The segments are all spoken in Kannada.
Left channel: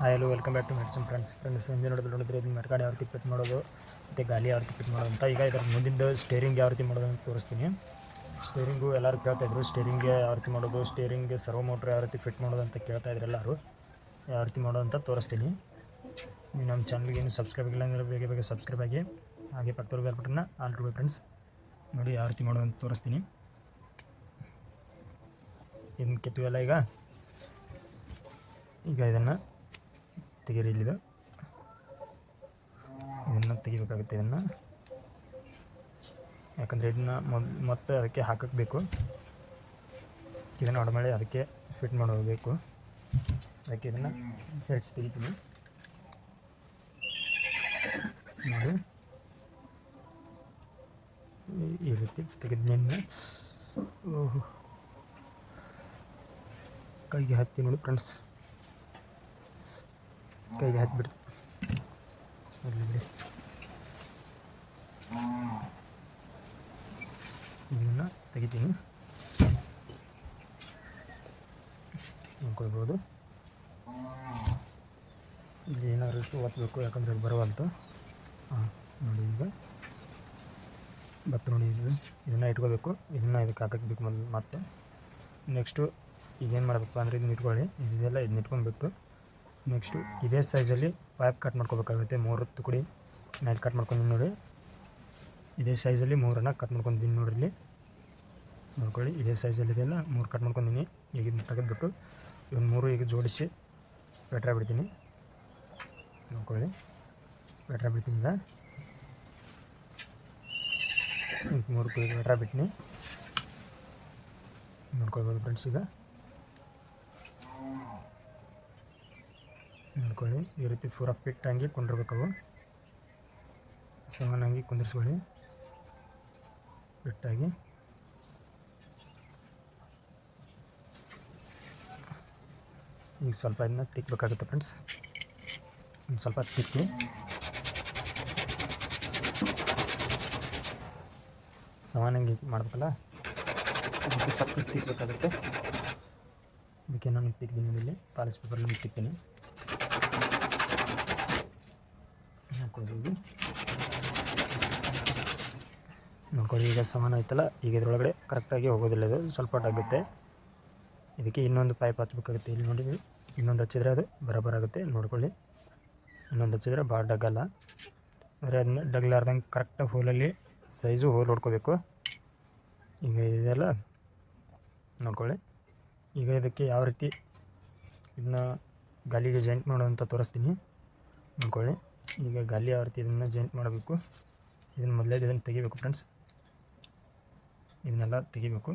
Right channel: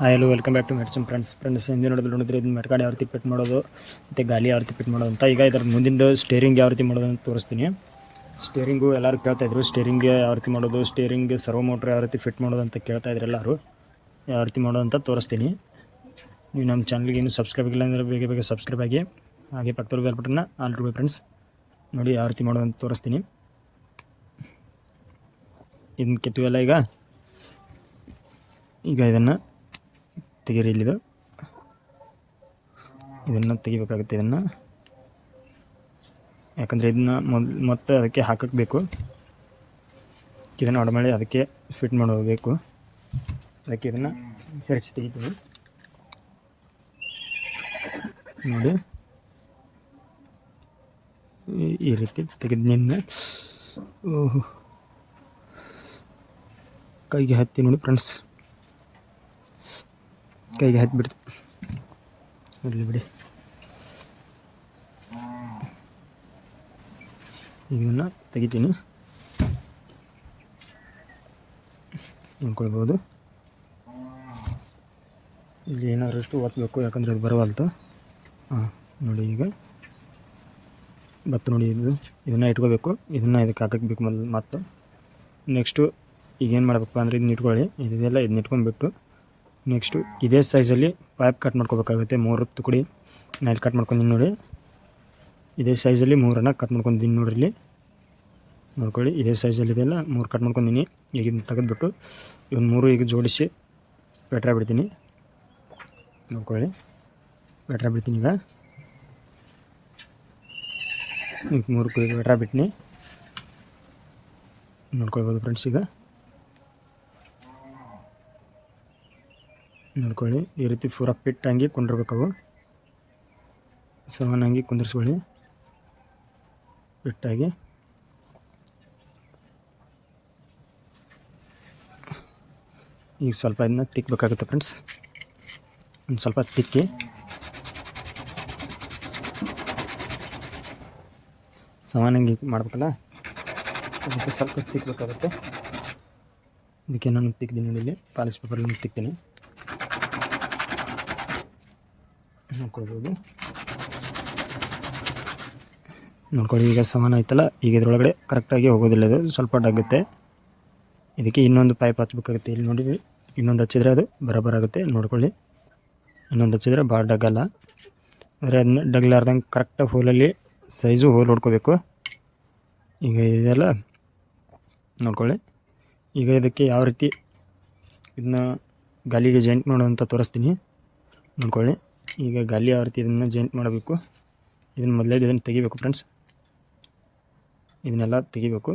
Hi hello welcome back to medicine friends friends ಹಿಂದೆ ನೋಡಿದ್ರೆ ನೋಡಿದ್ರೆ ಇದನ್ನ ಮೆಟ್ಗಾಡಿ ಯಾವ ರೀತಿ ಫಿಟ್ ಮಾಡೋದು, ಮತ್ತು ಗಾಲಿ ಯಾವ ರೀತಿ ಫಿಟ್ ಮಾಡೋದು ಅಂತ ಈಗ ಇದರ ಮುಂದಿಂದು ಸ್ಟೇರಿಂಗ್ ಯಾವ ರೀತಿ ಮಾಡೋದು ಅಂತ ತೋರಿಸ್ತೀನಿ. ಸ್ಟೇರಿಂಗು ಎಲ್ಲರೂ ಕೇಳ್ತಾ ಇದ್ರು ಸ್ಟೇರಿಂಗ್ ಯಾವ ರೀತಿ ಮಾಡೋದು ಸ್ಟೇರಿಂಗ್ ಸರ್ವೋ ಮೋಟ್ರ್ ಯಾವ ರೀತಿ ಫಿಟ್ ಮಾಡೋದು ಅಂತ ಕೇಳ್ತಾ ಇದ್ರು ಎಲ್ಲರೂ. ಯಾವ ರೀತಿ ಮಾಡೋದು ಅಂತ ತೋರಿಸ್ತೀನಿ. ನೀವು ನಮ್ಮ ಚಾನಲ್ಗೆ ಇನ್ನೂ ಸಬ್ಸ್ಕ್ರೈಬ್ ಇಲ್ಲ ಅಂದರೆ ಬೇಗ ಬೇಗ ಸಬ್ಸ್ಕ್ರೈಬ್ ಆಗಿ, ಹಾಗೆ ಪಕ್ಕದಲ್ಲಿ ಬೆಲ್ ಬಟನ್ನ ಆಲ್ ಟು ಫ್ರೆಂಡ್ಸ್ ನೋಡಿ ಯಾವ ರೀತಿ ಮಾಡೋದು ಅಂತ ತೋರಿಸ್ತೀನಿ. ಇದನ್ನು ಕೆತ್ತುವೆಲ್ಲ ಈಗ. ಈಗ ಇದನ್ನು ತೆಗೀರಿ ಇಲ್ಲಿದು ಇದನ್ನು ತೆಗಿಬೇಕಾಗುತ್ತೆ ಇದನ್ನು. ಯಾಕಂದರೆ ಇದನ್ನ ಮೊದಲು ಮತ್ತೆ ಅದಕ್ಕೆ ಹಾಕಕ್ಕೆ ಬೇಕು ಇದನ್ನು ಆಡಮೇಲೆ ಅದಕ್ಕೆ ಫಿಟ್ ಮಾಡಬೇಕು. ಅದಕ್ಕೆ ಇದನ್ನು ಹೆರಿಸಿ ತೆಗಿತೀವಿ. ನೋಡಿ. ಈ- ರೀತಿ ತೆಗೆದು ನಿನ್ನೆ. ಓಹೋ. ಕೈಗೆ ಹತ್ತಿ ನೋಡಿ ಫ್ರೆಂಡ್ಸ್. ಕೈಗೆ ಹತ್ಬಿಡ್ತು ಇರಲಿ ಬಿಡಿ. ಇದನ್ನು ತೆಗಿತೀನಿ. ಅಂದ್ಕೊಳ್ಬೋದು ಇಲ್ಲಿ ಏನಾದ್ರು ಒತ್ತಬೇಕು ಯಾಕಂದರೆ ಇದು ಬರವಲ್ತು. ಹಾಂ, ನೋಡಿ ಈಗ. ಭತ್ತ ನೋಡಿ ಇದು. ಇದನ್ನು ಇಟ್ಕೋಬೇಕು. ಇದನ್ನು ಇದಕ್ಕೆ ಹಾಕಕ್ಕೆ ಬೇಕು ಮೊದಲು ಮತ್ತು. ನೆಕ್ಸ್ಟು ಈಗ ಏನು ಮಾಡಬೇಕಪ್ಪ ಅಂದರೆ ಇದನ್ನ ಇಟ್ಕೊಳ್ಳಿ. ಇದೆಲ್ಲ ಇದನ್ನ ಇಟ್ಕೊಂಡ್ಬಿಟ್ಟು ನೆಕ್ಸ್ಟು ಇದೇ ಸೈಜಲ್ಲಿ ಪೈಪ್ ಕಟ್ ಮಾಡ್ಕೋಬೇಕಾಗುತ್ತೆ ಮೂರು ತುಕಡಿ ನಾನು ಕಟ್ ಮಾಡ್ಕೊಂಡು ನೋಡಿ. ಇದೇ ಸೈಜಲ್ಲಿ ಮೂರನ್ನು ಕಟ್ ಮಾಡ್ಕೊಂಡಿದ್ದೀನಿ ನೋಡಿರಿ ಇಲ್ಲಿ. ನೋಡ್ಕೊಳ್ಳಿ, ಇದೇ ಸೈಜಲ್ಲಿ ಇದೆಲ್ಲ ಮೂರು ಕಟ್ ಮಾಡ್ಕೊಂಡಿನಿ ಈಗ ಇದನ್ನ ತೆಗೆದುಬಿಟ್ಟು ಇವನ್ನ ಮೂರು ಈಗ ಜೋಡಿಸಿ ಬೆಟ್ರ ಬಿಡ್ತೀನಿ. ನೋಡ್ಕೊಳ್ಳಿ, ಬೆಟ್ರ ಬಿಡ್ತೀನಿ ಈಗ. ಮೂರು ಬೆಟ್ರ ಬಿಟ್ಟಿನಿ ನೋಡ್ಕೊಳ್ಬೋದು ಫ್ರೆಂಡ್ಸ್ ಈಗ. ನೋಡ್ಕೊಳ್ಳಿ. ಈ ರೀತಿ ಪೂರ ಪಿಟ್ಟಾಗಿ ಅವು. ಸಮಾನಾಗಿ ಕುಂದಿರ್ಸ್ಕೊಳ್ಳಿ. ಫಿಟ್ಟಾಗಿ ಈಗ ಸ್ವಲ್ಪ ಇದನ್ನ ತಿಕ್ಕಬೇಕಾಗುತ್ತೆ ಫ್ರೆಂಡ್ಸ್ ಒಂದು ಸ್ವಲ್ಪ ತಿಕ್ಕಿ. ಸಮಾನಾಗಿ ಮಾಡ್ಬೇಕಲ್ಲ? ಸ್ವಲ್ಪ ತಿಕ್ಕಬೇಕಾಗುತ್ತೆ ಇದಕ್ಕೆ ನಾನು ತಿಕ್ತೀನಿ ಇಲ್ಲಿ. ಪಾಲಿಸ್ ಪೇಪರ್ ತಿಕ್ತೀನಿ. ನೋಡ್ಕೊಳ್ಬೋದು. ನೋಡ್ಕೊಳ್ಳಿ, ಈಗ ಸಮಾನ ಆಯ್ತಲ್ಲ? ಈಗ ಇದರೊಳಗಡೆ ಕರೆಕ್ಟಾಗಿ ಹೋಗೋದಿಲ್ಲ ಅದು ಸ್ವಲ್ಪ ಡಗುತ್ತೆ ಇದಕ್ಕೆ ಇನ್ನೊಂದು ಪೈಪ್ ಹಚ್ಬೇಕಾಗುತ್ತೆ. ಇಲ್ಲಿ ನೋಡಿ, ಇನ್ನೊಂದು ಹಚ್ಚಿದ್ರೆ ಅದು ಬರಬರ ಆಗುತ್ತೆ. ನೋಡ್ಕೊಳ್ಳಿ. ಇನ್ನೊಂದು ಹಚ್ಚಿದ್ರೆ ಭಾಳ ಡಗಲ್ಲ ಅಂದರೆ ಅದನ್ನ ಡಗ್ಲಾರ್ದಂಗೆ ಕರೆಕ್ಟಾಗಿ ಹೋಲಲ್ಲಿ ಸೈಜು ಹೋಲ್ ಹೊಡ್ಕೋಬೇಕು. ಈಗ ಇದೆಲ್ಲ ನೋಡ್ಕೊಳ್ಳಿ. ಈಗ ಇದಕ್ಕೆ ಯಾವ ರೀತಿ ಇದನ್ನ ಗಾಲಿಗೆ ಜಾಯಿಂಟ್ ಮಾಡೋದಂತ ತೋರಿಸ್ತೀನಿ. ನೋಡ್ಕೊಳ್ಳಿ. ಈಗ ಗಾಲಿ ಯಾವ ರೀತಿ ಇದನ್ನು ಜಾಯಿಂಟ್ ಮಾಡಬೇಕು. ಇದನ್ನು ಮೊದಲೇ ಇದನ್ನು ತೆಗಿಬೇಕು ಫ್ರೆಂಡ್ಸ್ ಇದನ್ನೆಲ್ಲ ತೆಗಿಬೇಕು.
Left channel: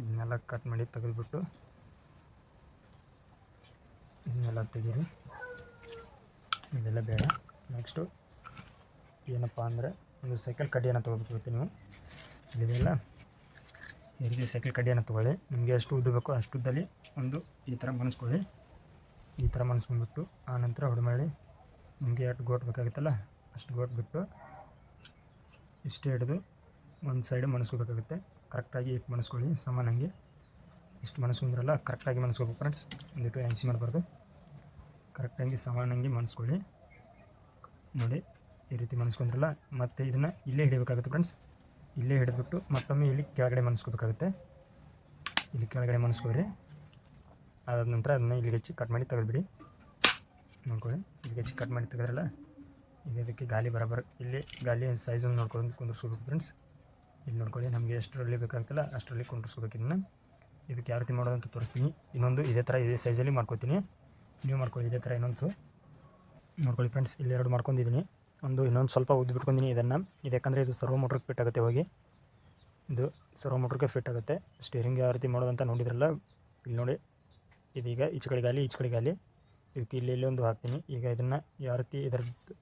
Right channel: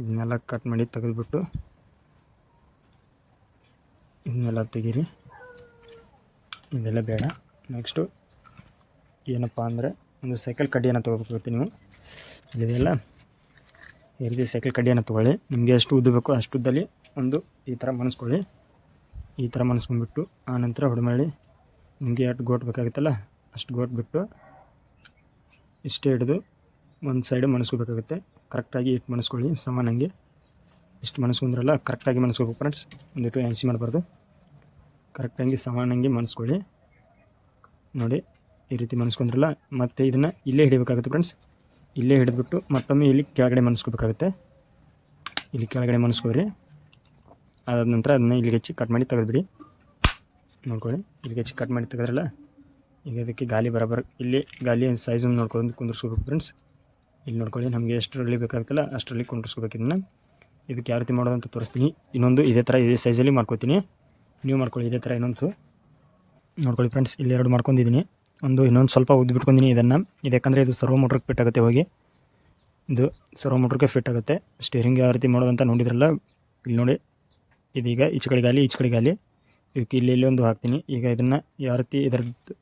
ಇದನ್ನೆಲ್ಲ ಕಟ್ ಮಾಡಿ ತೆಗೆದುಬಿಟ್ಟು ಇದನ್ನೆಲ್ಲ ತೆಗೀರಿ. ಇದೆಲ್ಲ ಬೇಡ. ನೆಕ್ಸ್ಟು ಏನಪ್ಪ ಅಂದರೆ ಒಂದು ಸೈಕಲ್ ಕಡ್ಡಿಯನ್ನು ತೊಗೋಬೇಕಾಗುತ್ತೆ ನೀವು? ಇದೆಲ್ಲ ಈ ರೀತಿ ಸೈಕಲ್ ಕಡ್ಡಿಯನ್ನು ತೊಗೊಳ್ಳಿ. ನಿಮಗೆ ಎಷ್ಟು ಉದ್ದ ಬೇಕೋ ಅಷ್ಟು ಉದ್ದಲ್ಲಿ ಒಂದು ಈ ಥರ ಮನಸ್ಕೊಳ್ಳಿ. ಈ ಥರ ಮನಸ್ಕೊಂಡ್ಬಿಟ್ಟು ಆನಂತರ ಹೊಡೆಮಾಡಿ ನಿಮಗೆ ಎಷ್ಟು ಗೋಟ್ ಬೇಕಾಗುತ್ತಲ್ಲ, ಅಷ್ಟು ಗೋಟ್ ಬಿಟ್ಟು ಇಷ್ಟೇ ಹಿಡಿದು ಒಂದು ಸೈಡ್ ಮನಸ್ಕೋಬೇಕಾಗುತ್ತೆ ಕರೆಕ್ಟಾಗಿ ಇಟ್ಟು ಮನಸ್ಕೊಳ್ಳಿ ಸಮಾನಂಗೆ ಇಷ್ಟು ಮನಸ್ಕೊಂಡ್ರಲ್ಲ ಕರೆಕ್ಟಾಗಿ ಮನಸ್ಕೋಬೇಕು ಫ್ರೆಂಡ್ಸ್ ಒಂದಿಟ್ಟು ಎನ್ಸಿ ಮಾಡಬಾರ್ದು. ಕರೆಕ್ಟಾಗಿ ಸಮಾನಂಗೆ ಮನಸ್ಕೊಳ್ಳಿ. ನೋಡಿ, ಈ ರೀತಿ ಮನಸ್ಕೊಂಡ್ರಲ್ಲ ಮತ್ತು ಇದನ್ನು ಇಲ್ಲೇ ಹಿಡಿಬೇಕಾಗುತ್ತೆ ಫ್ರೆಂಡ್ಸ್ ಇಲ್ಲೇ ಹಿಡಿದ್ಬಿಟ್ಟು ಮತ್ತೊಮ್ಮೆ ಇಲ್ಲಿ ಕೆಳಗಡೆ ಮನಸ್ಕೋಬೇಕಾಗುತ್ತೆ ಇಲ್ಲಿ ಕೆಳಗಡೆ ಮನಸ್ಕೋರಿ ಅದಾದ ನಂತರ ಅದನ್ನು ಇಲ್ಲಿಗೆ ಹೆಚ್ಚಿ ಕಟ್ ಮಾಡಿ ತೆಗೆದ್ಬಿಡಿ. ನೋಡ್ಕೊಳ್ಳಿ, ಇಲ್ಲಿಗೆ ಹೆಚ್ಚಿ ಕಟ್ ಮಾಡಿ ತೆಗೆದ್ರಲ್ಲ, ಈಗ ಇದಕ್ಕೆ ಗಾಲಿ ಬರೋಬರ, ಇಲ್ಲಿ ಗಾಲಿ ಸೈಜನ್ನು ನೋಡ್ಕೊಂಡು ಕುಂದಿರ್ಸ್ಕೋಬೇಕು ಫ್ರೆಂಡ್ಸ್ ಇಲ್ಲಿ ನೋಡ್ಕೊಳ್ಳಿ, ನಮಗೆ ಎಷ್ಟರಲ್ಲಿ ಬೇಕಾಗುತ್ತಲ್ಲ ಅಷ್ಟರಲ್ಲಿ ಕುಂದಿರ್ಸ್ಕೋಬೇಕು ಇದನ್ನು. ಇದಕ್ಕೆ ಯಾವ ರೀತಿ ಮಾಡೋದು ಅಂತ ತೋರಿಸ್ತೀನಿ. ಇನ್ನೊಂದು ಇದೇ ಥರ ಇದೇ ಸೈಜಲ್ಲಿ ಮಾಡ್ಕೋತೀನಿ. ನೀವು ಮಾಡ್ಕೊಳ್ಳಿ, ಇದೇ ಥರ ಇನ್ನೊಂದು. ನೋಡ್ಕೊಳ್ಳಿ ಫ್ರೆಂಡ್ಸ್ ಇಲ್ಲಿ ಎರಡು ಮಾಡ್ಕೊಂಡಿದ್ದೀನಿ. ಒಂದು ಇನ್ನೊಂದು ಸ್ವಲ್ಪ ಉದ್ದು ಬಿಟ್ಕೊಂಡಿನಿ ಇದನ್ನು. ಇದಕ್ಕಂದರೆ ಇದು ಸರ್ವೋ ಮೋಟ್ರಿಗೆ ಫಿಟ್ ಆಗುತ್ತೆ ಹೋಗಿ. ಇದು ಸರ್ವೋ ಮೋಟ್ರಿಗೆ ಫಿಟ್ ಆಗುತ್ತೆ. ಸ್ಟೇರಿಂಗ್ ಯಾವ ರೀತಿ ಮಾಡೋದಂತ ನೋಡಿದ್ರಲ್ಲ, ಇಲ್ಲಿ ನೋಡಿ ಇದೀಗ ಈಚೆ ಕಡೆ ಗಾಲಿ ಈಚೆ ಇದಕ್ಕೆ ಇಲ್ಲಿ ಇಲ್ಲಿ ಒಂದು ಹಾಕ್ತೀನಿ. ಈಗ ಇದನ್ನು ಯಾವ ರೀತಿ ಇದರ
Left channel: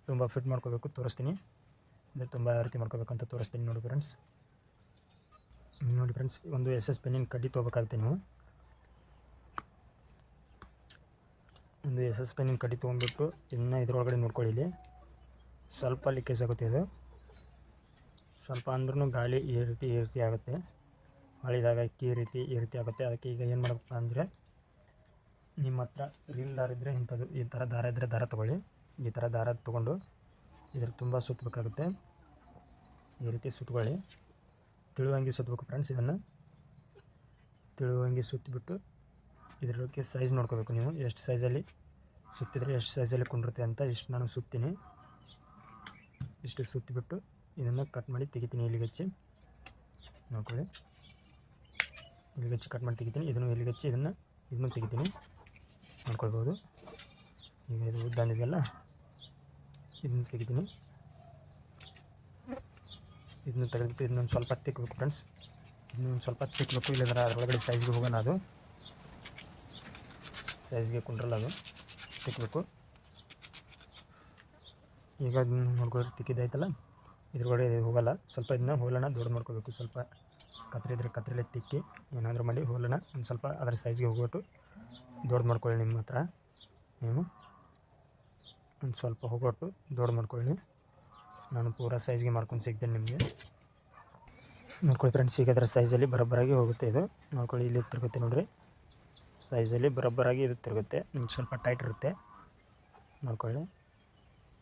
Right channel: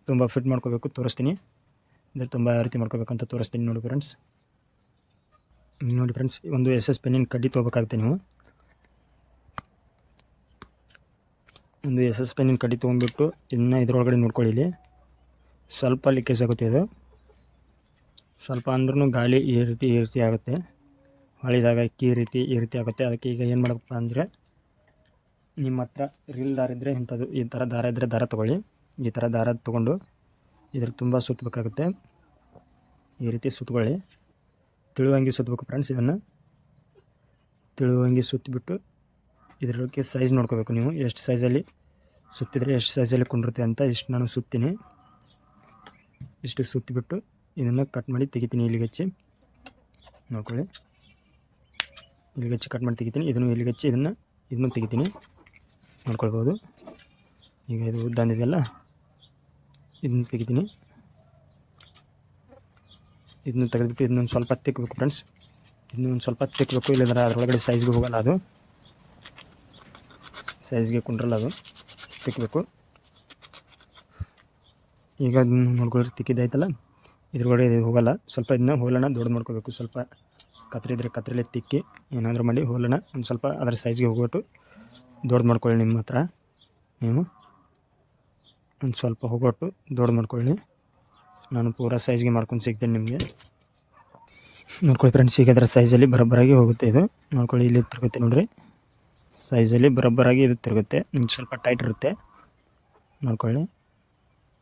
ತುಂಬ ಫಿಟ್ ಮಾಡ್ಕೋಬೇಕು, ತೋರಿಸ್ತೀನಿ. ಇದ್ರ ತುಂಬ ಯಾವ ರೀತಿ ಮಾಡ್ಕೋಬೇಕು ಅಂತ ತೋರಿಸ್ತೀನಿ ನೋಡಿ ಫ್ರೆಂಡ್ಸ್ ನೋಡಿ ಫ್ರೆಂಡ್ಸ್ ಒಂದು ಎಸ್ ಎಸ್ ಪೆನ್ನಿನ ಕಡ್ಡಿ ತೊಗೋಬೇಕಾಗುತ್ತೆ ನೀವು. ಒಂದು ಎಸ್ ಎಸ್ ಪೆನ್ನಿನ ಕಡ್ಡಿ ತೊಗೊಂಡ್ಬಿಟ್ಟು ಇದನ್ನು ಇದರೊಳಗಡೆ ನೋಡ್ಕೊಳ್ಳಿ ಇಲ್ಲಿ. ಸ್ವಲ್ಪ ಲೀಕೇಜ್ ಆಗುತ್ತೆ ಇದು. ಸ್ವಲ್ಪ ಅಂದ್ರೂ ಗಾಳಿ ಈ ರೀತಿ ಈ ರೀತಿ ಆಗುತ್ತೆ. ಹಳಿದಾಗ ಈ ರೀತಿ ಈ ರೀತಿ ಆಗುತ್ತೆ. ಅದಕ್ಕೆ ಈಗ ಏನು ಮಾಡಬೇಕಪ್ಪ ಅಂದರೆ ನಿಮ್ಮ ಹತ್ರ ರೀಲ್ ದಾರ ಇದ್ದರೆ ಇಂಥದ್ದು, ಈ ಥರ ದಾರ ಇದ್ದರೆ ದಾರ ತೊಗೊಳ್ಳಿ. ಈ ಥರ ದಾರ ತೊಗೊಂಡು ಇದ್ರ ತುಂಬ ಸುತ್ತಬೇಕಾಗುತ್ತೆ ಈ ರೀತಿ ಸುತ್ತಕೊಳ್ಳಿ ತಿಳುವಂಗಿ ಸುತ್ತಬೇಕು ಫ್ರೆಂಡ್ಸ್ ಇದನ್ನು. ತಿಳುವಂಗಿ ಸುತ್ತಿಬಿಟ್ಟು ಇದರೊಳಗೆ ಸೈಜ್ ನೋಡ್ಕೋಬೇಕು ನೀವು. ಎಷ್ಟು ಸೈಜಲ್ಲಿ ಸುತ್ತಿದ್ರೆ ಎಷ್ಟು ಸೈಜಲ್ಲಿ ಕುಂಡಿರುತ್ತೆ ಅಂತ ಇಷ್ಟು ನಾನು ಸುತ್ತೀನಿ. ಇಷ್ಟು ಸುತ್ತಿಬಿಟ್ಟು ಇದನ್ನು ಕಟ್ ಮಾಡಿ ತೆಗಿತೀನಿ ಇಲ್ಲಿಗೆ ಹಚ್ಚಿ. ನೋಡ್ಕೊಳ್ಳಿ. ಇಲ್ಲಿಗೆ ಹಚ್ಚಿ ಕಟ್ ಮಾಡಿ ತೆಗಿತೀನಿ. ಇದನ್ನು ಇಲ್ಲಿಗೆ ಹಚ್ಚಿ ಇದನ್ನು ಇದನ್ನು ತೆಗಿತೀನಿ. ನೋಡ್ಕೊಳ್ಬೋದು. ಈಗ ಇದು ಉದ್ದ ಅಂದಿದೆಯಲ್ಲ ಇದನ್ನು ತೆಗಿತೀನಿ. ಇದನ್ನು ತೆಗೆದ್ಬಿಟ್ಟು ಇದನ್ನೊಂದು ಸ್ವಲ್ಪ ತಿಕ್ಕಬೇಕು ಫ್ರೆಂಡ್ಸ್ ಇದನ್ನೊಂದು ಸ್ವಲ್ಪ ತಿಕ್ಕಬೇಕು ಇಲ್ಲಂದ್ರೆ ಅದರೊಳಗಡೆ ಸೈಜ್ಗೆ ಹೋಗಲ್ಲ ಅದು. ಸೈಜ್ಗೆ ಕುಂಡ್ರಲ್ಲ ಅದು. ತಿಕ್ಕಬೇಕು ಈಗ ಅದನ್ನು ನೋಡ್ಕೊಳ್ಳಿ ತಿಕ್ಕಿದ್ದಾಯ್ತಲ್ಲ? ಇದ್ರೊಳಗಡೆ ಇದು ಹೋಗಲ್ಲ. ಸ್ವಲ್ಪ ಇದನ್ನ ಹೋಲನ್ನ ದೊಡ್ಡ ಮಾಡ್ಕೋಬೇಕು. ಸ್ವಲ್ಪ ಕತ್ರಿ ಇದ್ರೆ ಕತ್ರಿಲೆ ತಿಕ್ಕಿ, ಏನಾದರೂ ಮಾಡಿ ಹೋಲನ್ನ ಒಂದು ಸ್ವಲ್ಪ ಅದರ ಸೈಜ್ಗೆ ಹೋಗ್ಬಿಟ್ಟು ದೊಡ್ಡ ಮಾಡ್ಕೊಳ್ಳಿ ನಿಮ್ಮ ಹತ್ರ. ನೀವು ಒಂದು ಸ್ವಲ್ಪ ಹೋಗೊಟ್ಟು ದೊಡ್ಡ ಮಾಡ್ಕೊಳ್ಳಿ. ನಾನು ಪೂರಾ ಸೈಜ್ಗೆ ಮಾಡ್ಕೊಂಡು ಸಿಗ್ತೇನೆ ನಿಮಗೆ. ನೋಡ್ಕೊಳ್ಳಿ ಫ್ರೆಂಡ್ಸ್ ಈಗ ಅದರ ಸೈಜಲ್ಲಿ ಬರೋಬ್ಬರಾಗಿ ಹೋಗುತ್ತೆ ಇದು. ನೋಡ್ಕೊಳ್ಳಿ, ಇಲ್ಲಿ ತಿರುಗುತ್ತೆ ನೋಡಿರಿ. ಸೈಜಲ್ಲಿ ಬರೋಬ್ಬರಾಗಿ ಇದು ತಿರುಗುತ್ತೆ. ನಿಮ್ಗೆ ಸ್ವಲ್ಪ ಟೈಟ್ ಇರುತ್ತೆ. ನೋಡ್ಕೊಳ್ಳಿ.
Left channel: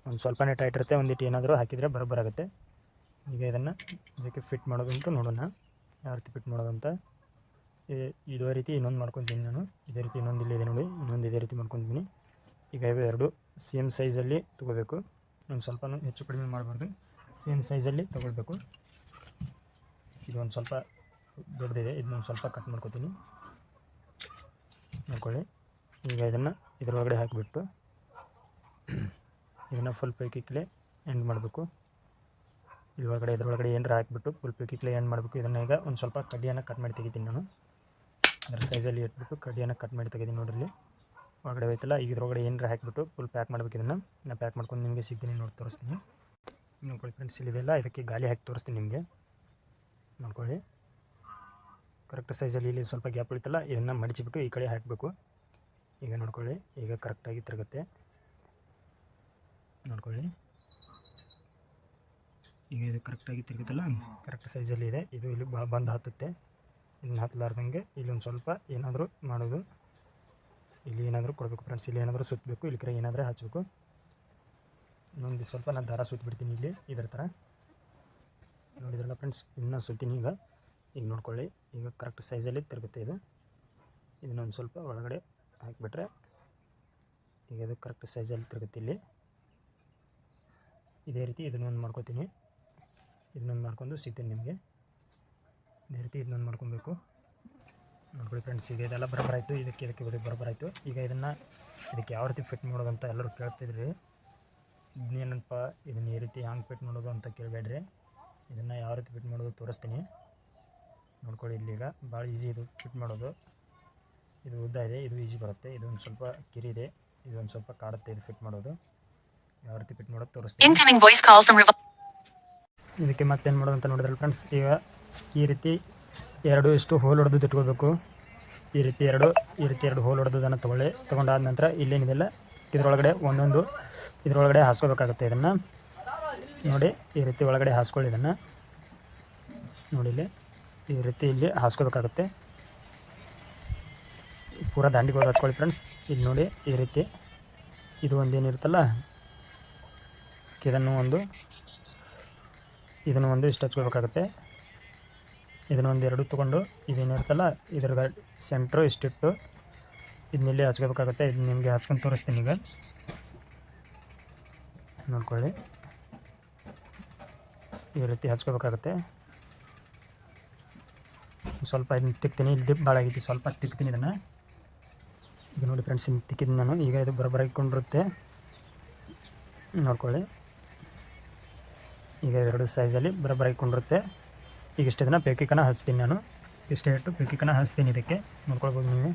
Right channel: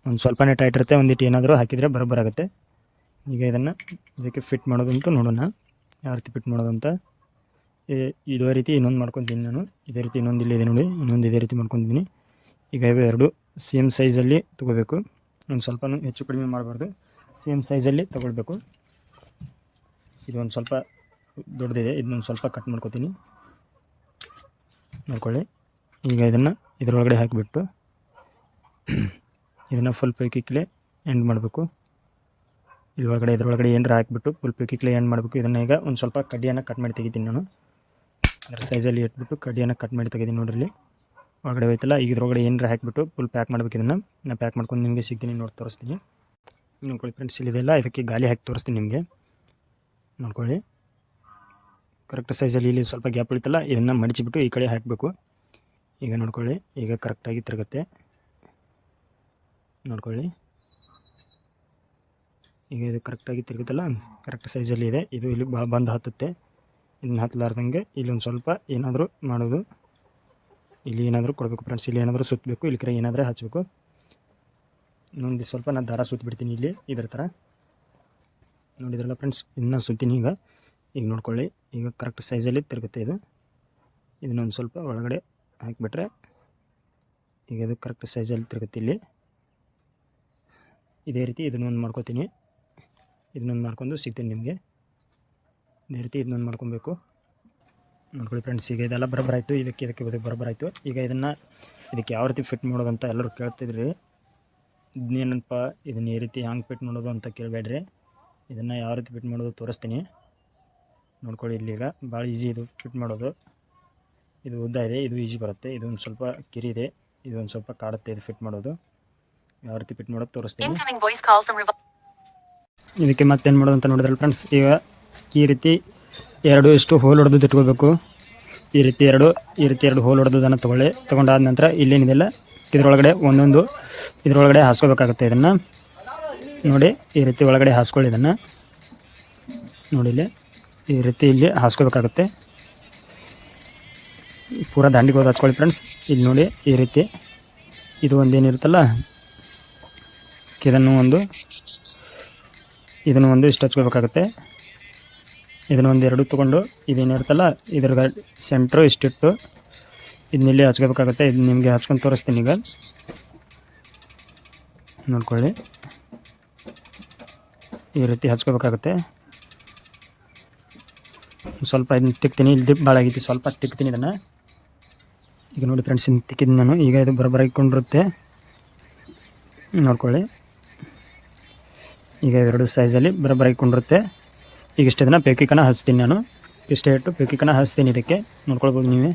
ಒಂದು ಸ್ವಲ್ಪನೇ ಟೈಟ್ ಇರುತ್ತೆ ಒಂದಿಟ್ಟು ಏನಾದರೂ ಹಾಕಿದರೆ ಬರೋಬ್ಬರಾಗುತ್ತೆ. ಈಗ ಇದನ್ನು ಇದಕ್ಕೆ ಫಿಟ್ ಮಾಡೋದಂತೂ ನೋಡೋಣ. ಯಾವ ರೀತಿ ಫಿಟ್ ಮಾಡೋದಂತ. ಇದೇ ರೀತಿ ಇನ್ನೊಂದು ಮಾಡ್ಕೊತೀನಿ ನಾನು. ಇದೇ ರೀತಿ ಇನ್ನೊಂದು ಇಲ್ಲಿದೆ ನೋಡಿ. ಇನ್ನೊಂದು ಇದೇ ರೀತಿ ಮಾಡ್ಕೊತೀನಿ. ಈಗ ಇವೆ ಎರಡು. ಸೇಮ್ ಸೈಜಲ್ಲಿ ತೊಗೋಬೇಕು. ಒಂದು ಸ್ವಲ್ಪ ಹೆಚ್ಚು ಕಡಿಮೆ ಮಾಡಬಾರ್ದು. ಸೇಮ್ ಸೈಜಲ್ಲಿ ತೊಗೊಳ್ಬೇಕು. ಇದು ಒಂದು ಸ್ವಲ್ಪ ದೊಡ್ಡದಿದೆ. ಇದನ್ನೊಂದು ಸ್ವಲ್ಪ ಕಟ್ ಮಾಡ್ಕೊತೀನಿ. ನೋಡ್ಕೊಳ್ಳಿ. ಈಗ ಇದನ್ನು ಇದರೊಳಗಡೆ ಹಾಕಿಬಿಟ್ಟು ಇದನ್ನು ಫುಲ್ ಪೈಕಿಕ್ಲೆ ಎಂಡ್ ಮಾಡಬೇಕು. ಇದ್ರೊಳಗಡೆ ಇದ್ರೊಳಗಡೆ ಏನರ ಹಾಕಿಬಿಟ್ಟು ಫುಲ್ ಪೈಕಿಕ್ಲೆ ಎಂಡ್ ಮಾಡಬೇಕು. ಇದನ್ನು ಈಗ ಒಂದು ಸ್ವಲ್ಪ ಕಡ್ಡಿಯನ್ನು ಕಟ್ ಮಾಡಿ ತೆಗಿತೀನಿ ನಾನು. ಅದರ ಸೈಜಲ್ಲಿ ಇಟ್ಬಿಟ್ಟು ಕಡ್ಡಿಯನ್ನು ಕಟ್ ಮಾಡಿ ತೆಗೆದೀನಿ ನೋಡ್ರಿ. ಒಳಗಡೆ ಹೋಯ್ತಲ್ಲ, ಈಗ ಇದ್ರೊಳಗಡೆ ಏನರ ಹಾಕಿಬಿಟ್ಟು ಫುಲ್ ಪ್ಯಾಕ್ ಮಾಡಬೇಕು ಇದನ್ನು. ನಾನು ಪ್ಯಾಕ್ ಮಾಡ್ಕೊಂಡು ನಿಮಗೆ ಸಿಗ್ತೀನಿ ನೋಡಿ, ತೋರಿಸ್ತೀನಿ. ನೋಡ್ಕೊಳ್ಳಿ ಫ್ರೆಂಡ್ಸ್ ಇಲ್ಲಿದೆಲ್ಲ ಇದಕ್ಕೆ ಗಾಲಿ ಹಾಕಿ ತೋರಿಸ್ತೀನಿ ನಿಮಗೆ. ನೋಡ್ಕೊಳ್ಳಿ. ಕರೆಕ್ಟ್ ಸೈಜಲ್ಲಿ ಇಲ್ಲಿ ಸ್ವಲ್ಪ ಗ್ಯಾಪ್ ಉಳಿತಲ್ಲ, ಇದನ್ನು ಮಡಿಚಿಬಿಟ್ಟು ಈ ಕಡೆ ಹಾಕಬೇಕು. ಈಗ ನೋಡ್ಕೊಳ್ಳಿ, ಈಗ ಕರೆಕ್ಟಾಗಿ ತಿರುಗುತ್ತೆ. ನೋಡ್ಕೊಳ್ಳಿ. ಈಗ ಇದು ಕರೆಕ್ಟಾಗಿ ತಿರುಗುತ್ತಲ್ಲ ಕರೆಕ್ಟ್ ಸೈಜಲ್ಲಿ ಇದೆ. ಇದು ಇಲ್ಲಿ ಭಾಳ ಬಂದು ಹತ್ತುತ್ತೆ. ಇದನ್ನ ಹತ್ತಲಾರ್ದಂಗೆ ಇಲ್ಲಿ ಒಂದು ಸ್ವಲ್ಪ ಏನಾದರೂ ಮಾಡೋದು. ಇಲ್ಲಿ ಏನಾದರೂ ಕೊಡಬೇಕು ಫ್ರೆಂಡ್ಸ್ ಇಲ್ಲಿ ಏನಾದರೂ ಸುತ್ತಬೇಕು ಇಲ್ಲಿ ಕಡೆ ಏನಾದರೂ ಹಚ್ಚಬೇಕು ಇನ್ನೊಂದು ಸ್ವಲ್ಪ ನಾನು ದಾರ ಸುತ್ತಿಬಿಡ್ತೀನಿ ಇಲ್ಲಿ, ಇದರ ಥರ ನೋಡಿದ್ರಲ್ಲ ಫ್ರೆಂಡ್ಸ್ ಇದನ್ನ ಸುತ್ತೀನಿ ಈಗ. ಈಗ ನೋಡ್ಕೊಳ್ಳಿ, ಈಗ ಕರೆಕ್ಟ್ ಸೈಜಲ್ಲಿ ತಿರುಗುತ್ತೆ ಇದು. ಇದನ್ನೊಂದು ಸ್ವಲ್ಪ ಒಳಗಡೆ ಹಾಕಿಬಿಟ್ರೆ ಈಗ ಇದು ಕರೆಕ್ಟ್ ಸೈಜಲ್ಲಿ ತಿರುಗುತ್ತೆ ಇಲ್ಲಿ. ಇದೇ ರೀತಿ ಇದನ್ನೊಂದು ಮಾಡ್ಕೋತೀನಿ. ಇದನ್ನೊಂದು ಮಾಡ್ಕೊಂಡು ಸಿಗ್ತೀನಿ ನಿಮಗೆ. ಇದೇ ರೀತಿ ಇದನ್ನೊಂದು ಮಾಡ್ಕೊಬೇಕು. ನೋಡ್ಕೊಳ್ಳಿ ಫ್ರೆಂಡ್ಸ್ ಈಗ ಇದೆಲ್ಲ ಬರೋಬ್ಬರ ಆಯಿತು ಇದಕ್ಕೆ ಇದಕ್ಕೆ ಇದಕ್ಕೆ ಬರಬರಾಯಿತು. ಆಯಿತು ಈಗ ಇದನ್ನು ಇದಕ್ಕೆ ಯಾವ ರೀತಿ ಫಿಟ್ ಮಾಡೋದಂತ ಎಲ್ಲರೂ ಕೇಳ್ತಿದ್ರಿ. ಇದನ್ನೇನಪ್ಪ ಇದನ್ನ ಈ ರೀತಿ ಹ್ಯಾಂಗೆ ಫಿಟ್ ಮಾಡೋದು ಅಂತ ಕೇಳಬೇಡ್ರಿ. ಇದನ್ನು ಯಾವ ರೀತಿ ಫಿಟ್ ಮಾಡೋದು ತೋರಿಸ್ತೀನಿ. ನೋಡ್ಕೊಳ್ಳಿ ಇಲ್ಲೀಗ ಭಾಳ ಈಸಿ ಇದು ಫಿಟ್ ಮಾಡೋದು. ಇದು ಉದ್ದ ಇದೆ ಇದು ಈಸಿ ಬರುತ್ತೆ. ಇದು ಒಂದು ಸ್ವಲ್ಪ ಕಿರಿ ಇದೆ ಇದು ಒಂದು ಸ್ವಲ್ಪ ಕಾಡುತ್ತೆ ಇದು ಫಿಟ್ ಮಾಡೋದು. ಯಾವ ರೀತಿ ಫಿಟ್ ಮಾಡೋದು ತೋರಿಸ್ತೀನಿ. ಇದಕ್ಕೆ ಮತ್ತೇನು ಮಾಡೋದು ಅಂತ ನೋಡಿದ್ರಲ್ಲ ಫ್ರೆಂಡ್ಸ್ ಈಗ ಈ ರೀತಿ ಎರಡು ಇಷ್ಟು ಹೋಲ್ ಹೊಡೆದು ಇಟ್ಕೋಬೇಕು. ಈ ರೀತಿ ಎರಡು, ಈ ರೀತಿ ಎರಡು ಹೋಲ್ ಹೊಡೆದನ್ನು ತೊಗೊಳ್ಳಿ. ತೊಗೊಂಡಾದ ನಂತರ ಇಲ್ಲೇನಿದೆಲ್ಲ ಇದರೊಳಗಡೆ ಒಂದೊಂದು, ಇದರೊಳಗಡೆ ಹಾಸ್ಕೋಬೇಕಾಗುತ್ತೆ ಇದನ್ನು. ನೋಡಿ, ಈ ರೀತಿ ಒಳಗಡೆ ಹಾಸ್ಕೊಳ್ಳಿ ಇದನ್ನು. ನೋಡಿ ಇಲ್ಲಿ, ಈ ರೀತಿ ಇಲ್ಲಿ ಹಾಸ್ಕೋಬೇಕಾಗುತ್ತೆ. ಪೂರ ದಾಂಡಿಗೆ ಹೋಗಿ ಹಚ್ಕೊಳ್ಳಿ ಫ್ರೆಂಡ್ಸ್ ಇಲ್ಲಿ ನೋಡಿ, ಈ ರೀತಿ ಇದು ಒಂದೇನಿರುತ್ತಲ್ಲ ಇದನ್ನು ಒಂದು ಇದನ್ನು ಒಂದು ಇಷ್ಟು ಹಚ್ಕೋಬೇಕಾಗುತ್ತೆ ಇದನ್ನು ಎರಡು ತೊಗೊಂಡು ಇದೇನಿರುತ್ತಲ್ಲ ಇದ್ರ ಸೆಂಟ್ರು ಇಷ್ಟಿಟ್ಟು ಇದನ್ನಿಲ್ಲಿ ಹಚ್ಕೋಬೇಕಾಗುತ್ತೆ. ಇದು ನಿಮಗೆ ಹಚ್ಕೊಂಡು ತೋರಿಸ್ತೀನಿ ಈಗ. ನೋಡ್ಕೊಳ್ಳಿ. ಈ ರೀತಿ ಹಚ್ಕೋಬೇಕಾಗುತ್ತೆ. ಸ್ವಲ್ಪ ಇದನ್ನ ತಿಕ್ತೀನಿ. ಇಲ್ಲಿ ದಿಪ್ ಭಾಳ ಆಗೈತಿ. ಸ್ವಲ್ಪ ತಿಕ್ತೀನಿ ಇದನ್ನು. ಈಗ ನೋಡಿ ಫ್ರೆಂಡ್ಸ್ ಇನ್ನು ತಿಕ್ಕಿದ್ದೀನಿ ನಾನು. ಈಗ ಇದು ಬರೋಬ್ಬರ ಇಟ್ಕೊಂಡಿರುತ್ತೆ ನೋಡ್ಕೊಳ್ಳಿ. ಈಗ ಎರಡು ಸೈಜಲ್ಲಿ ಬರೋಬ್ಬರ ಇಟ್ಕೊಂಡಿರುತ್ತೆ ಈಗ ಇಷ್ಟು ದಿನ ಪೇಕಿಕನ ಹಚ್ತೀನಿ ನಾನು. ಇಷ್ಟೇ ಇಟ್ಟು ಪೇಕಿಕನ ಹಚ್ತೀನಿ ಇದಕ್ಕೆ. ನೋಡ್ಕೊಳ್ಬೋದು ನೀವೇ.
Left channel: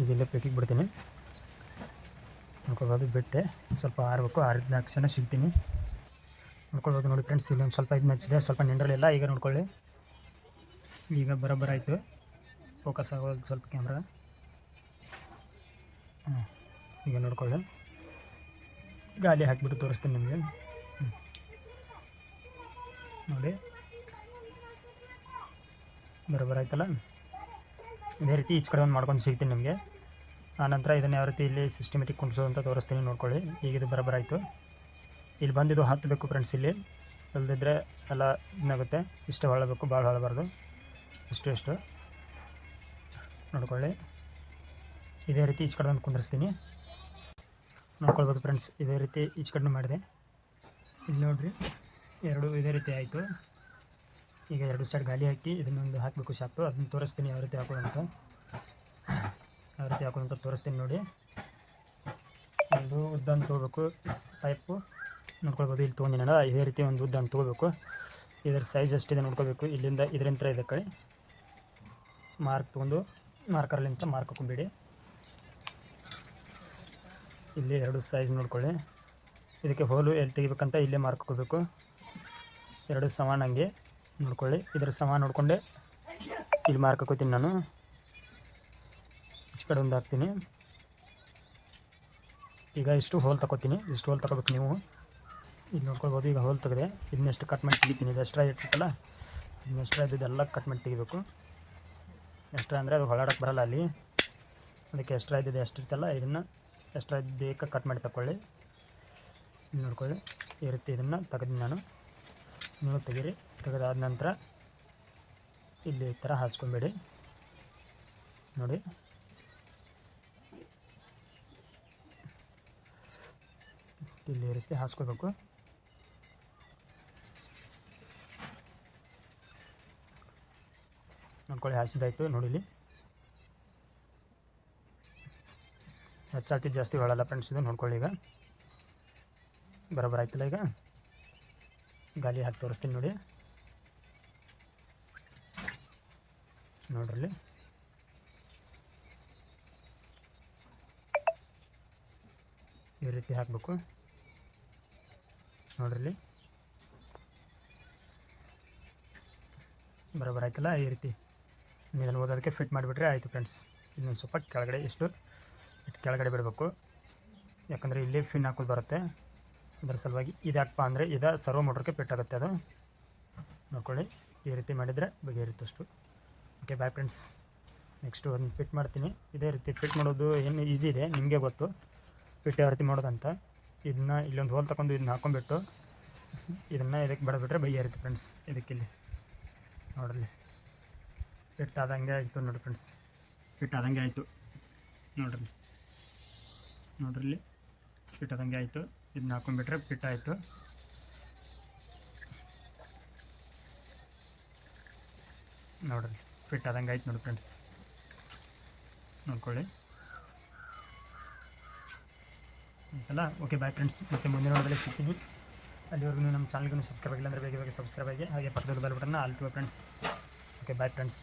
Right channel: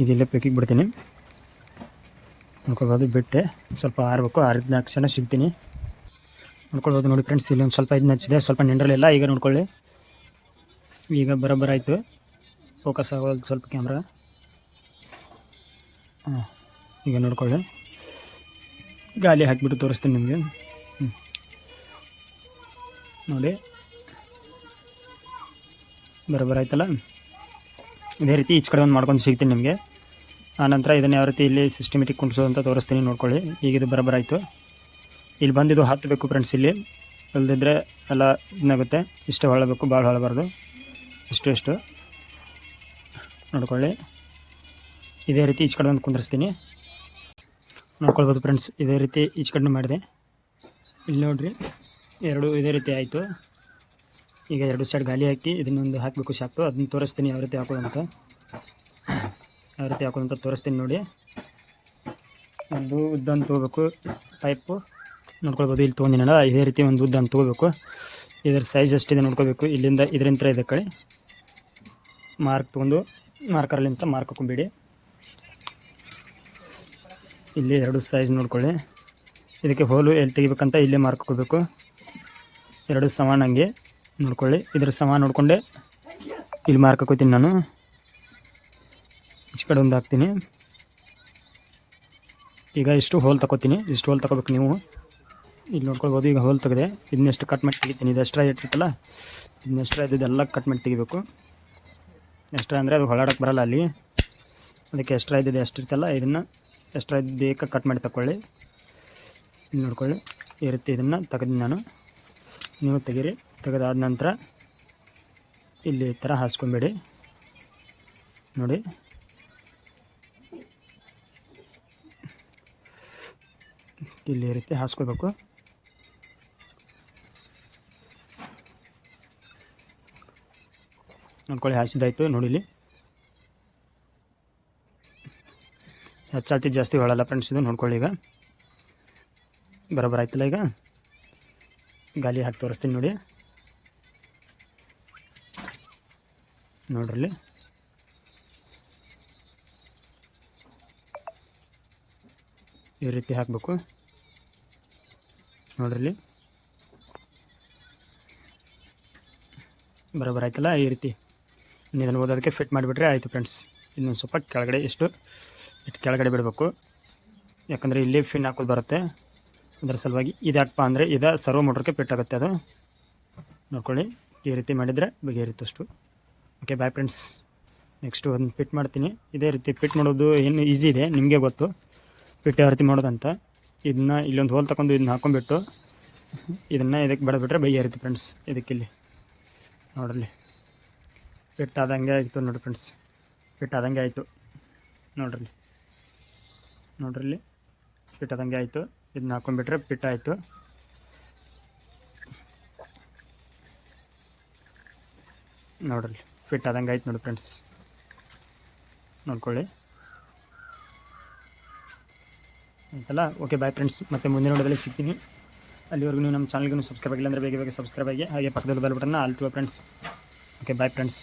ಈಗ ಇಲ್ಲೇ ಬಿಡ್ತೀನಿ. ನೋಡ್ಕೊಳ್ಬೋದು, ಬಿಟ್ಟೆ. ಸ್ವಲ್ಪ ಆರಬೇಕು ಆರಿದ ಕ್ಷಣ ಸಿಗ್ತೀನಿ. ನೋಡ್ಕೊಳ್ಬೋದು ನೋಡಿ ಫ್ರೆಂಡ್ಸ್ ಇಲ್ಲಿ ಒಂದು ಸ್ವಲ್ಪ ಇದನ್ನ ಹಚ್ಚಿದೆ. ಸ್ವಲ್ಪ ನೆಂಡ್ರಲಿಲ್ಲ ಈಗ ನೋಡ್ಕೊಳ್ಳಿ. ಈಗ ಬರೋಬ್ಬರ ಆಯಿತು. ಫೋಕಸ್ ಆಗೋದು ಸ್ವಲ್ಪ ಕ್ಯಾಮ್ರಾ ಈಗ ನೋಡ್ಕೊಳ್ಳಿ. ಗಾಲಿ ಹಾಕಿಬಿಟ್ಟು ತೋರಿಸ್ತೀನಿ ನಿಮಗೆ. ನೋಡಿ. ಬರೋಬ್ಬರ ಆಯ್ತಲ್ಲ? ಇದೇ ರೀತಿ ಈಚ ಕಡೆ ಒಂದು ಮಾಡ್ಕೊಂಡು ಸಿಗ್ತೀನಿ ನಿಮಗೆ. ಆನಂತರ ಇದನ್ನು ಯಾವ ರೀತಿ ಇಲ್ಲಿ ಸಿಸ್ಟಮೆಟಿಕ್ ಕುಣಿಸೋದು ಅಂತ ತೋರಿಸ್ತೀನಿ, ನೋಡ್ಕೊಳ್ಳಿ. ಈಗ ಇದು ಬರೋಬ್ಬರ ಆಯಿತು. ಇಲ್ಲಿ ಬಂದಿದ್ದು ಹತ್ತಬೇಕು ಫ್ರೆಂಡ್ಸ್ ಇಲ್ಲಿ. ಅಲ್ದಿದ್ರೆ ಎಲ್ಲ ಇದಾಗುತ್ತೆ. ಇಷ್ಟು ಹೊಳಬೇಕು ಭಾಳ ಹೊಳಬಾರ್ದು ಇಷ್ಟು ಇಷ್ಟು. ನೋಡ್ಕೊಳ್ಳಿ. ಇದೇ ರೀತಿ ಈಚ ಕಡೆ ಒಂದು ಕುಂದಿರಿಸ್ತೀನಿ. ನೋಡ್ಕೊಳ್ಬೋದು ಫ್ರೆಂಡ್ಸ್ ಇದೇ ರೀತಿ ಈಚ ಕಡೆ ಮಾಡಿದೆ. ಇಲ್ಲಿ ನೋಡಿರಿ. ಎರಡು ಇದೇ ರೀತಿ ಆಯಿತು. ಈಗ ಎರಡು ಸೈಡ್ ಗಾಲಿ ಹಾಕಿ ಇದನ್ನೊಂದು ಹಾಕಬೇಕು ಶಾಪ್ಟು ಅದನ್ನು ತೋರಿಸ್ತೀನಿ ಯಾವ ರೀತಿ ಹಾಕೋದಂತ. ಯಾವ ರೀತಿ ಹಾಕೋದಂತ ತೋರಿಸ್ತೀನಿ ನೋಡಿ. ಒಂದು ಉದ್ದನ್ನು ತೊಗೋಬೇಕು. ಪೈಪು ನೋಡ್ಕೊಳ್ಬೋದು. ಇಲ್ಲಿ ತೊಗೊಂಡಿನಲ್ಲ, ಇದೇ ರೀತಿ ಒಂದು ಉದ್ದನ್ನು ತೊಗೋಬೇಕು. ಇದರ ಸೈಜ್ ಎಷ್ಟಿದೆ ನೋಡ್ಕೋಬೇಕು ಇಲ್ಲಿಂದ ಇದರಿಂದ ಇದೆ ಕಡೆ. ಮಾರ್ಕ್ ತೊಗೊಂಡು ಮಾರ್ಕರ್ಲಿಂತ ಮಾರ್ಕ್ ಹಾಕೊಂಬಿಡಿ. ಇಲ್ಲಿ ಎರಡು ಸೈಜ್ ನೋಡ್ಕೊಳ್ಳಿ. ಇದಕ್ಕೆ ಹೋಲು ಎಲ್ಲಿ ತೆಗಿಬೇಕಂತ ಇಲ್ಲೇ ಮಾರ್ಕ್ ಹಾಕೋಬೇಕು. ಎರಡು ಸಮಾನಂಗೆ ನೋಡ್ಕೊಳ್ಳಿ. ಇದರ ಸಮಾನ ನೋಡಿಕೊಂಡೆ. ಇಲ್ಲಿ ಮಾರ್ಕ್ ಹಾಕೋತೀನಿ ನಾನು. ಈಚೆ ಕಡೆ ಒಂದು ಹಾಕ್ತೀನಿ. ಈಗ ಇಷ್ಟು ಹೋಲ್ ತಗೋತೀನಿ. ಇಷ್ಟು ಹೋಲ್ ತಗೋಬೇಕು ನೀವು. ಇಲ್ಲಿ ನೋಡ್ಕೊಳ್ಬೋದು, ಈಗ ಹೋಲ್ ತೆಗೆದೆ. ಇದನ್ನೆಷ್ಟು ಕಟ್ ಮಾಡಿ ತೆಗಿತೀನಿ. ಇದು ಎಷ್ಟ್ರಾ ಇಟ್ಟಿರ್ತಲ್ಲ ಇದನ್ನ ಎಕ್ಸ್ಟ್ರಾ ಇದೆಲ್ಲ ಕಟ್ ಮಾಡಿ ತೆಗಿಬೇಕು. ಎಷ್ಟ್ರಾ ಅಂದರೆ ಅದು ಹೊಳಾಡಕ್ಕೆ ಬರಲ್ಲ ಅಲ್ಲಿ. ಅದಕ್ಕೆ ಎಷ್ಟ್ರಾ ಇದ್ದಿದೆ ಎಷ್ಟಿರ್ತಲ್ಲ ಇದನ್ನು ಎಷ್ಟ್ರಾ ಬೇಕಾ ಕಟ್ ಮಾಡಿ ತಗೊಳ್ಳಿ ನೋಡ್ಕೊಳ್ಳಿ. ಈ ರೀತಿ ಇದನ್ನು ತೆಗೆದು ನಾನು. ನೀವು ತೆಗೀರಿ. ತೆಗೆದಾದ ನಂತರ ಇಲ್ಲಿ ಥರ ಹಾಸ್ಕೊಂಬೇಡಿ. ನೋಡಿ. ಇಲ್ಲಿ ರೀತಿ ಹಾಸ್ಕೋಬೇಕು ನೋಡ್ಕೊಳ್ಳಿ ಹಾಸಿದಾಯ್ತು ನೋಡಿಲಿ ಹೆಚ್ಚಾತಿ ಜಾಸ್ತಿ ಹೊಳಲ್ಲ ಫ್ರೆಂಡ್ಸ್ ಇದು, ನೋಡ್ಕೊಳ್ಳಿ ಈಗ. ಬರೋಬ್ಬರ ಆಯ್ತಲ್ಲ ಈಗ? ಗಾಲಿ ಹಾಕಿ ತೋರಿಸ್ತೀನಿ ನೋಡಿ. ನೋಡ್ರಲ್ಲಿ. ಈ ರೀತಿ ಹಾಕಬೇಕು. ನೋಡ್ರಲ್ಲಿ. ಬರೋಬ್ಬರ ಆಯ್ತಲ್ಲ ಈ ರೀತಿ. ಇನ್ನು ಓದೋದಕ್ಕೆ ಫಿಟ್ ಮಾಡಿಬಿಟ್ರೆ ಆಯಿತು ಫ್ರೆಂಡ್ಸ್ ಇನ್ನೊಂದು ಸ್ವಲ್ಪ ಕೆಳಗಡೆ ಇಷ್ಟು ಇಟ್ಟು ಕೆಳಗಡೆ ಬಿಡಬೇಕು. ಯಾಕಂದರೆ ಇಲ್ಲಿ ಫಿನ್ ಹಾಕೋದು ಬರುತ್ತೆ. ಅದರ ಸಲುವಾಗಿ ಇದ್ಯಾಕಪ್ಪ ಅಂದರೆ ಇದು ಸರ್ವ ಮೋಟ್ರಿಗೆ ಫಿಟ್ ಆಗುತ್ತೆ ಅದು. ನೋಡ್ಕೊಳ್ಳಿ, ಈ ರೀತಿ ಮಾಡಿದರೆ ಬಗೆಹರಿತಷ್ಟು ಓಕೆ ಬಾಯ್ ಫ್ರೆಂಡ್ಸ್ ನೆಕ್ಸ್ಟು ಒಂದು ಫಿಟ್ ಮಾಡ್ತೀನಿ. ಇದೇ ರೀತಿ ಫಿಟ್ ಮಾಡೋದು ಏನು ಈಸಿ ಇದೆ, ನಿಮಗೆ ಗೊತ್ತು. ಫಿಟ್ ಯಾವ ರೀತಿ ಮಾಡೋದಂತ. ಇದನ್ನ ಇಲ್ಲೊಂದು ಹೋಲ್ ತಗೊಂಡು ಇದನ್ನ ಹಾಕೊಂಡ್ಬಿಟ್ಟು ಇದನ್ನು ಇದಕ್ಕೆ ಬಡಬಿಟ್ರೆ ಬಗೆಹರಿತು ಫ್ರೆಂಡ್ಸ್ ಇದಕ್ಕಿಲ್ಲಿ ನೋಡ್ರಿ. ಫಿಟ್ ಆದಂಗೆ ಆಯಿತು ನೋಡಿ ಫ್ರೆಂಡ್ಸ್ ಫಿಟ್ ಆದಂಗೆ ಆಯಿತು. ನೋಡ್ರಿ. ನೋಡ್ರಿ ಫಿಟ್ ಆದಂಗೆ ಆಯಿತು. ಇದನ್ನ ಹಾಕೊಂಡ್ಬಿಟ್ರೆ ಫಿಟ್ ಆಯಿತು. ನೋಡ್ರಿ ಫಿಟ್ ಆದಂಗೆ ಆಯ್ತು ನೋಡಿ ಫ್ರೆಂಡ್ಸ್ ನೋಡ್ಕೊಳ್ಳಿ. ಆಯ್ತಲ್ಲ? ಓಕೆ ಬಾಯ್ ಫ್ರೆಂಡ್ಸ್ ಮತ್ತೆ ಮುಂದಿನ ನೋಡೋದಲ್ಲಿ ಸಿಗ್ತೀನಿ. ಅಲ್ಲಿವರೆಗೂ ನೀವು ನಮ್ಮ ಚಾನಲ್ಗೂ ಸಬ್ಸ್ಕ್ರೈಬ್ ಆಗಿಲ್ಲ ಅಂದರೆ ಬೇಗ ಬೇಗ ಸಬ್ಸ್ಕ್ರೈಬ್ ಆಗಿ, ಹಾಗೆ ಪಕ್ಕದಲ್ಲಿ ಬೆಲ್ ಬಟನ್ನ all to friends okay bye friends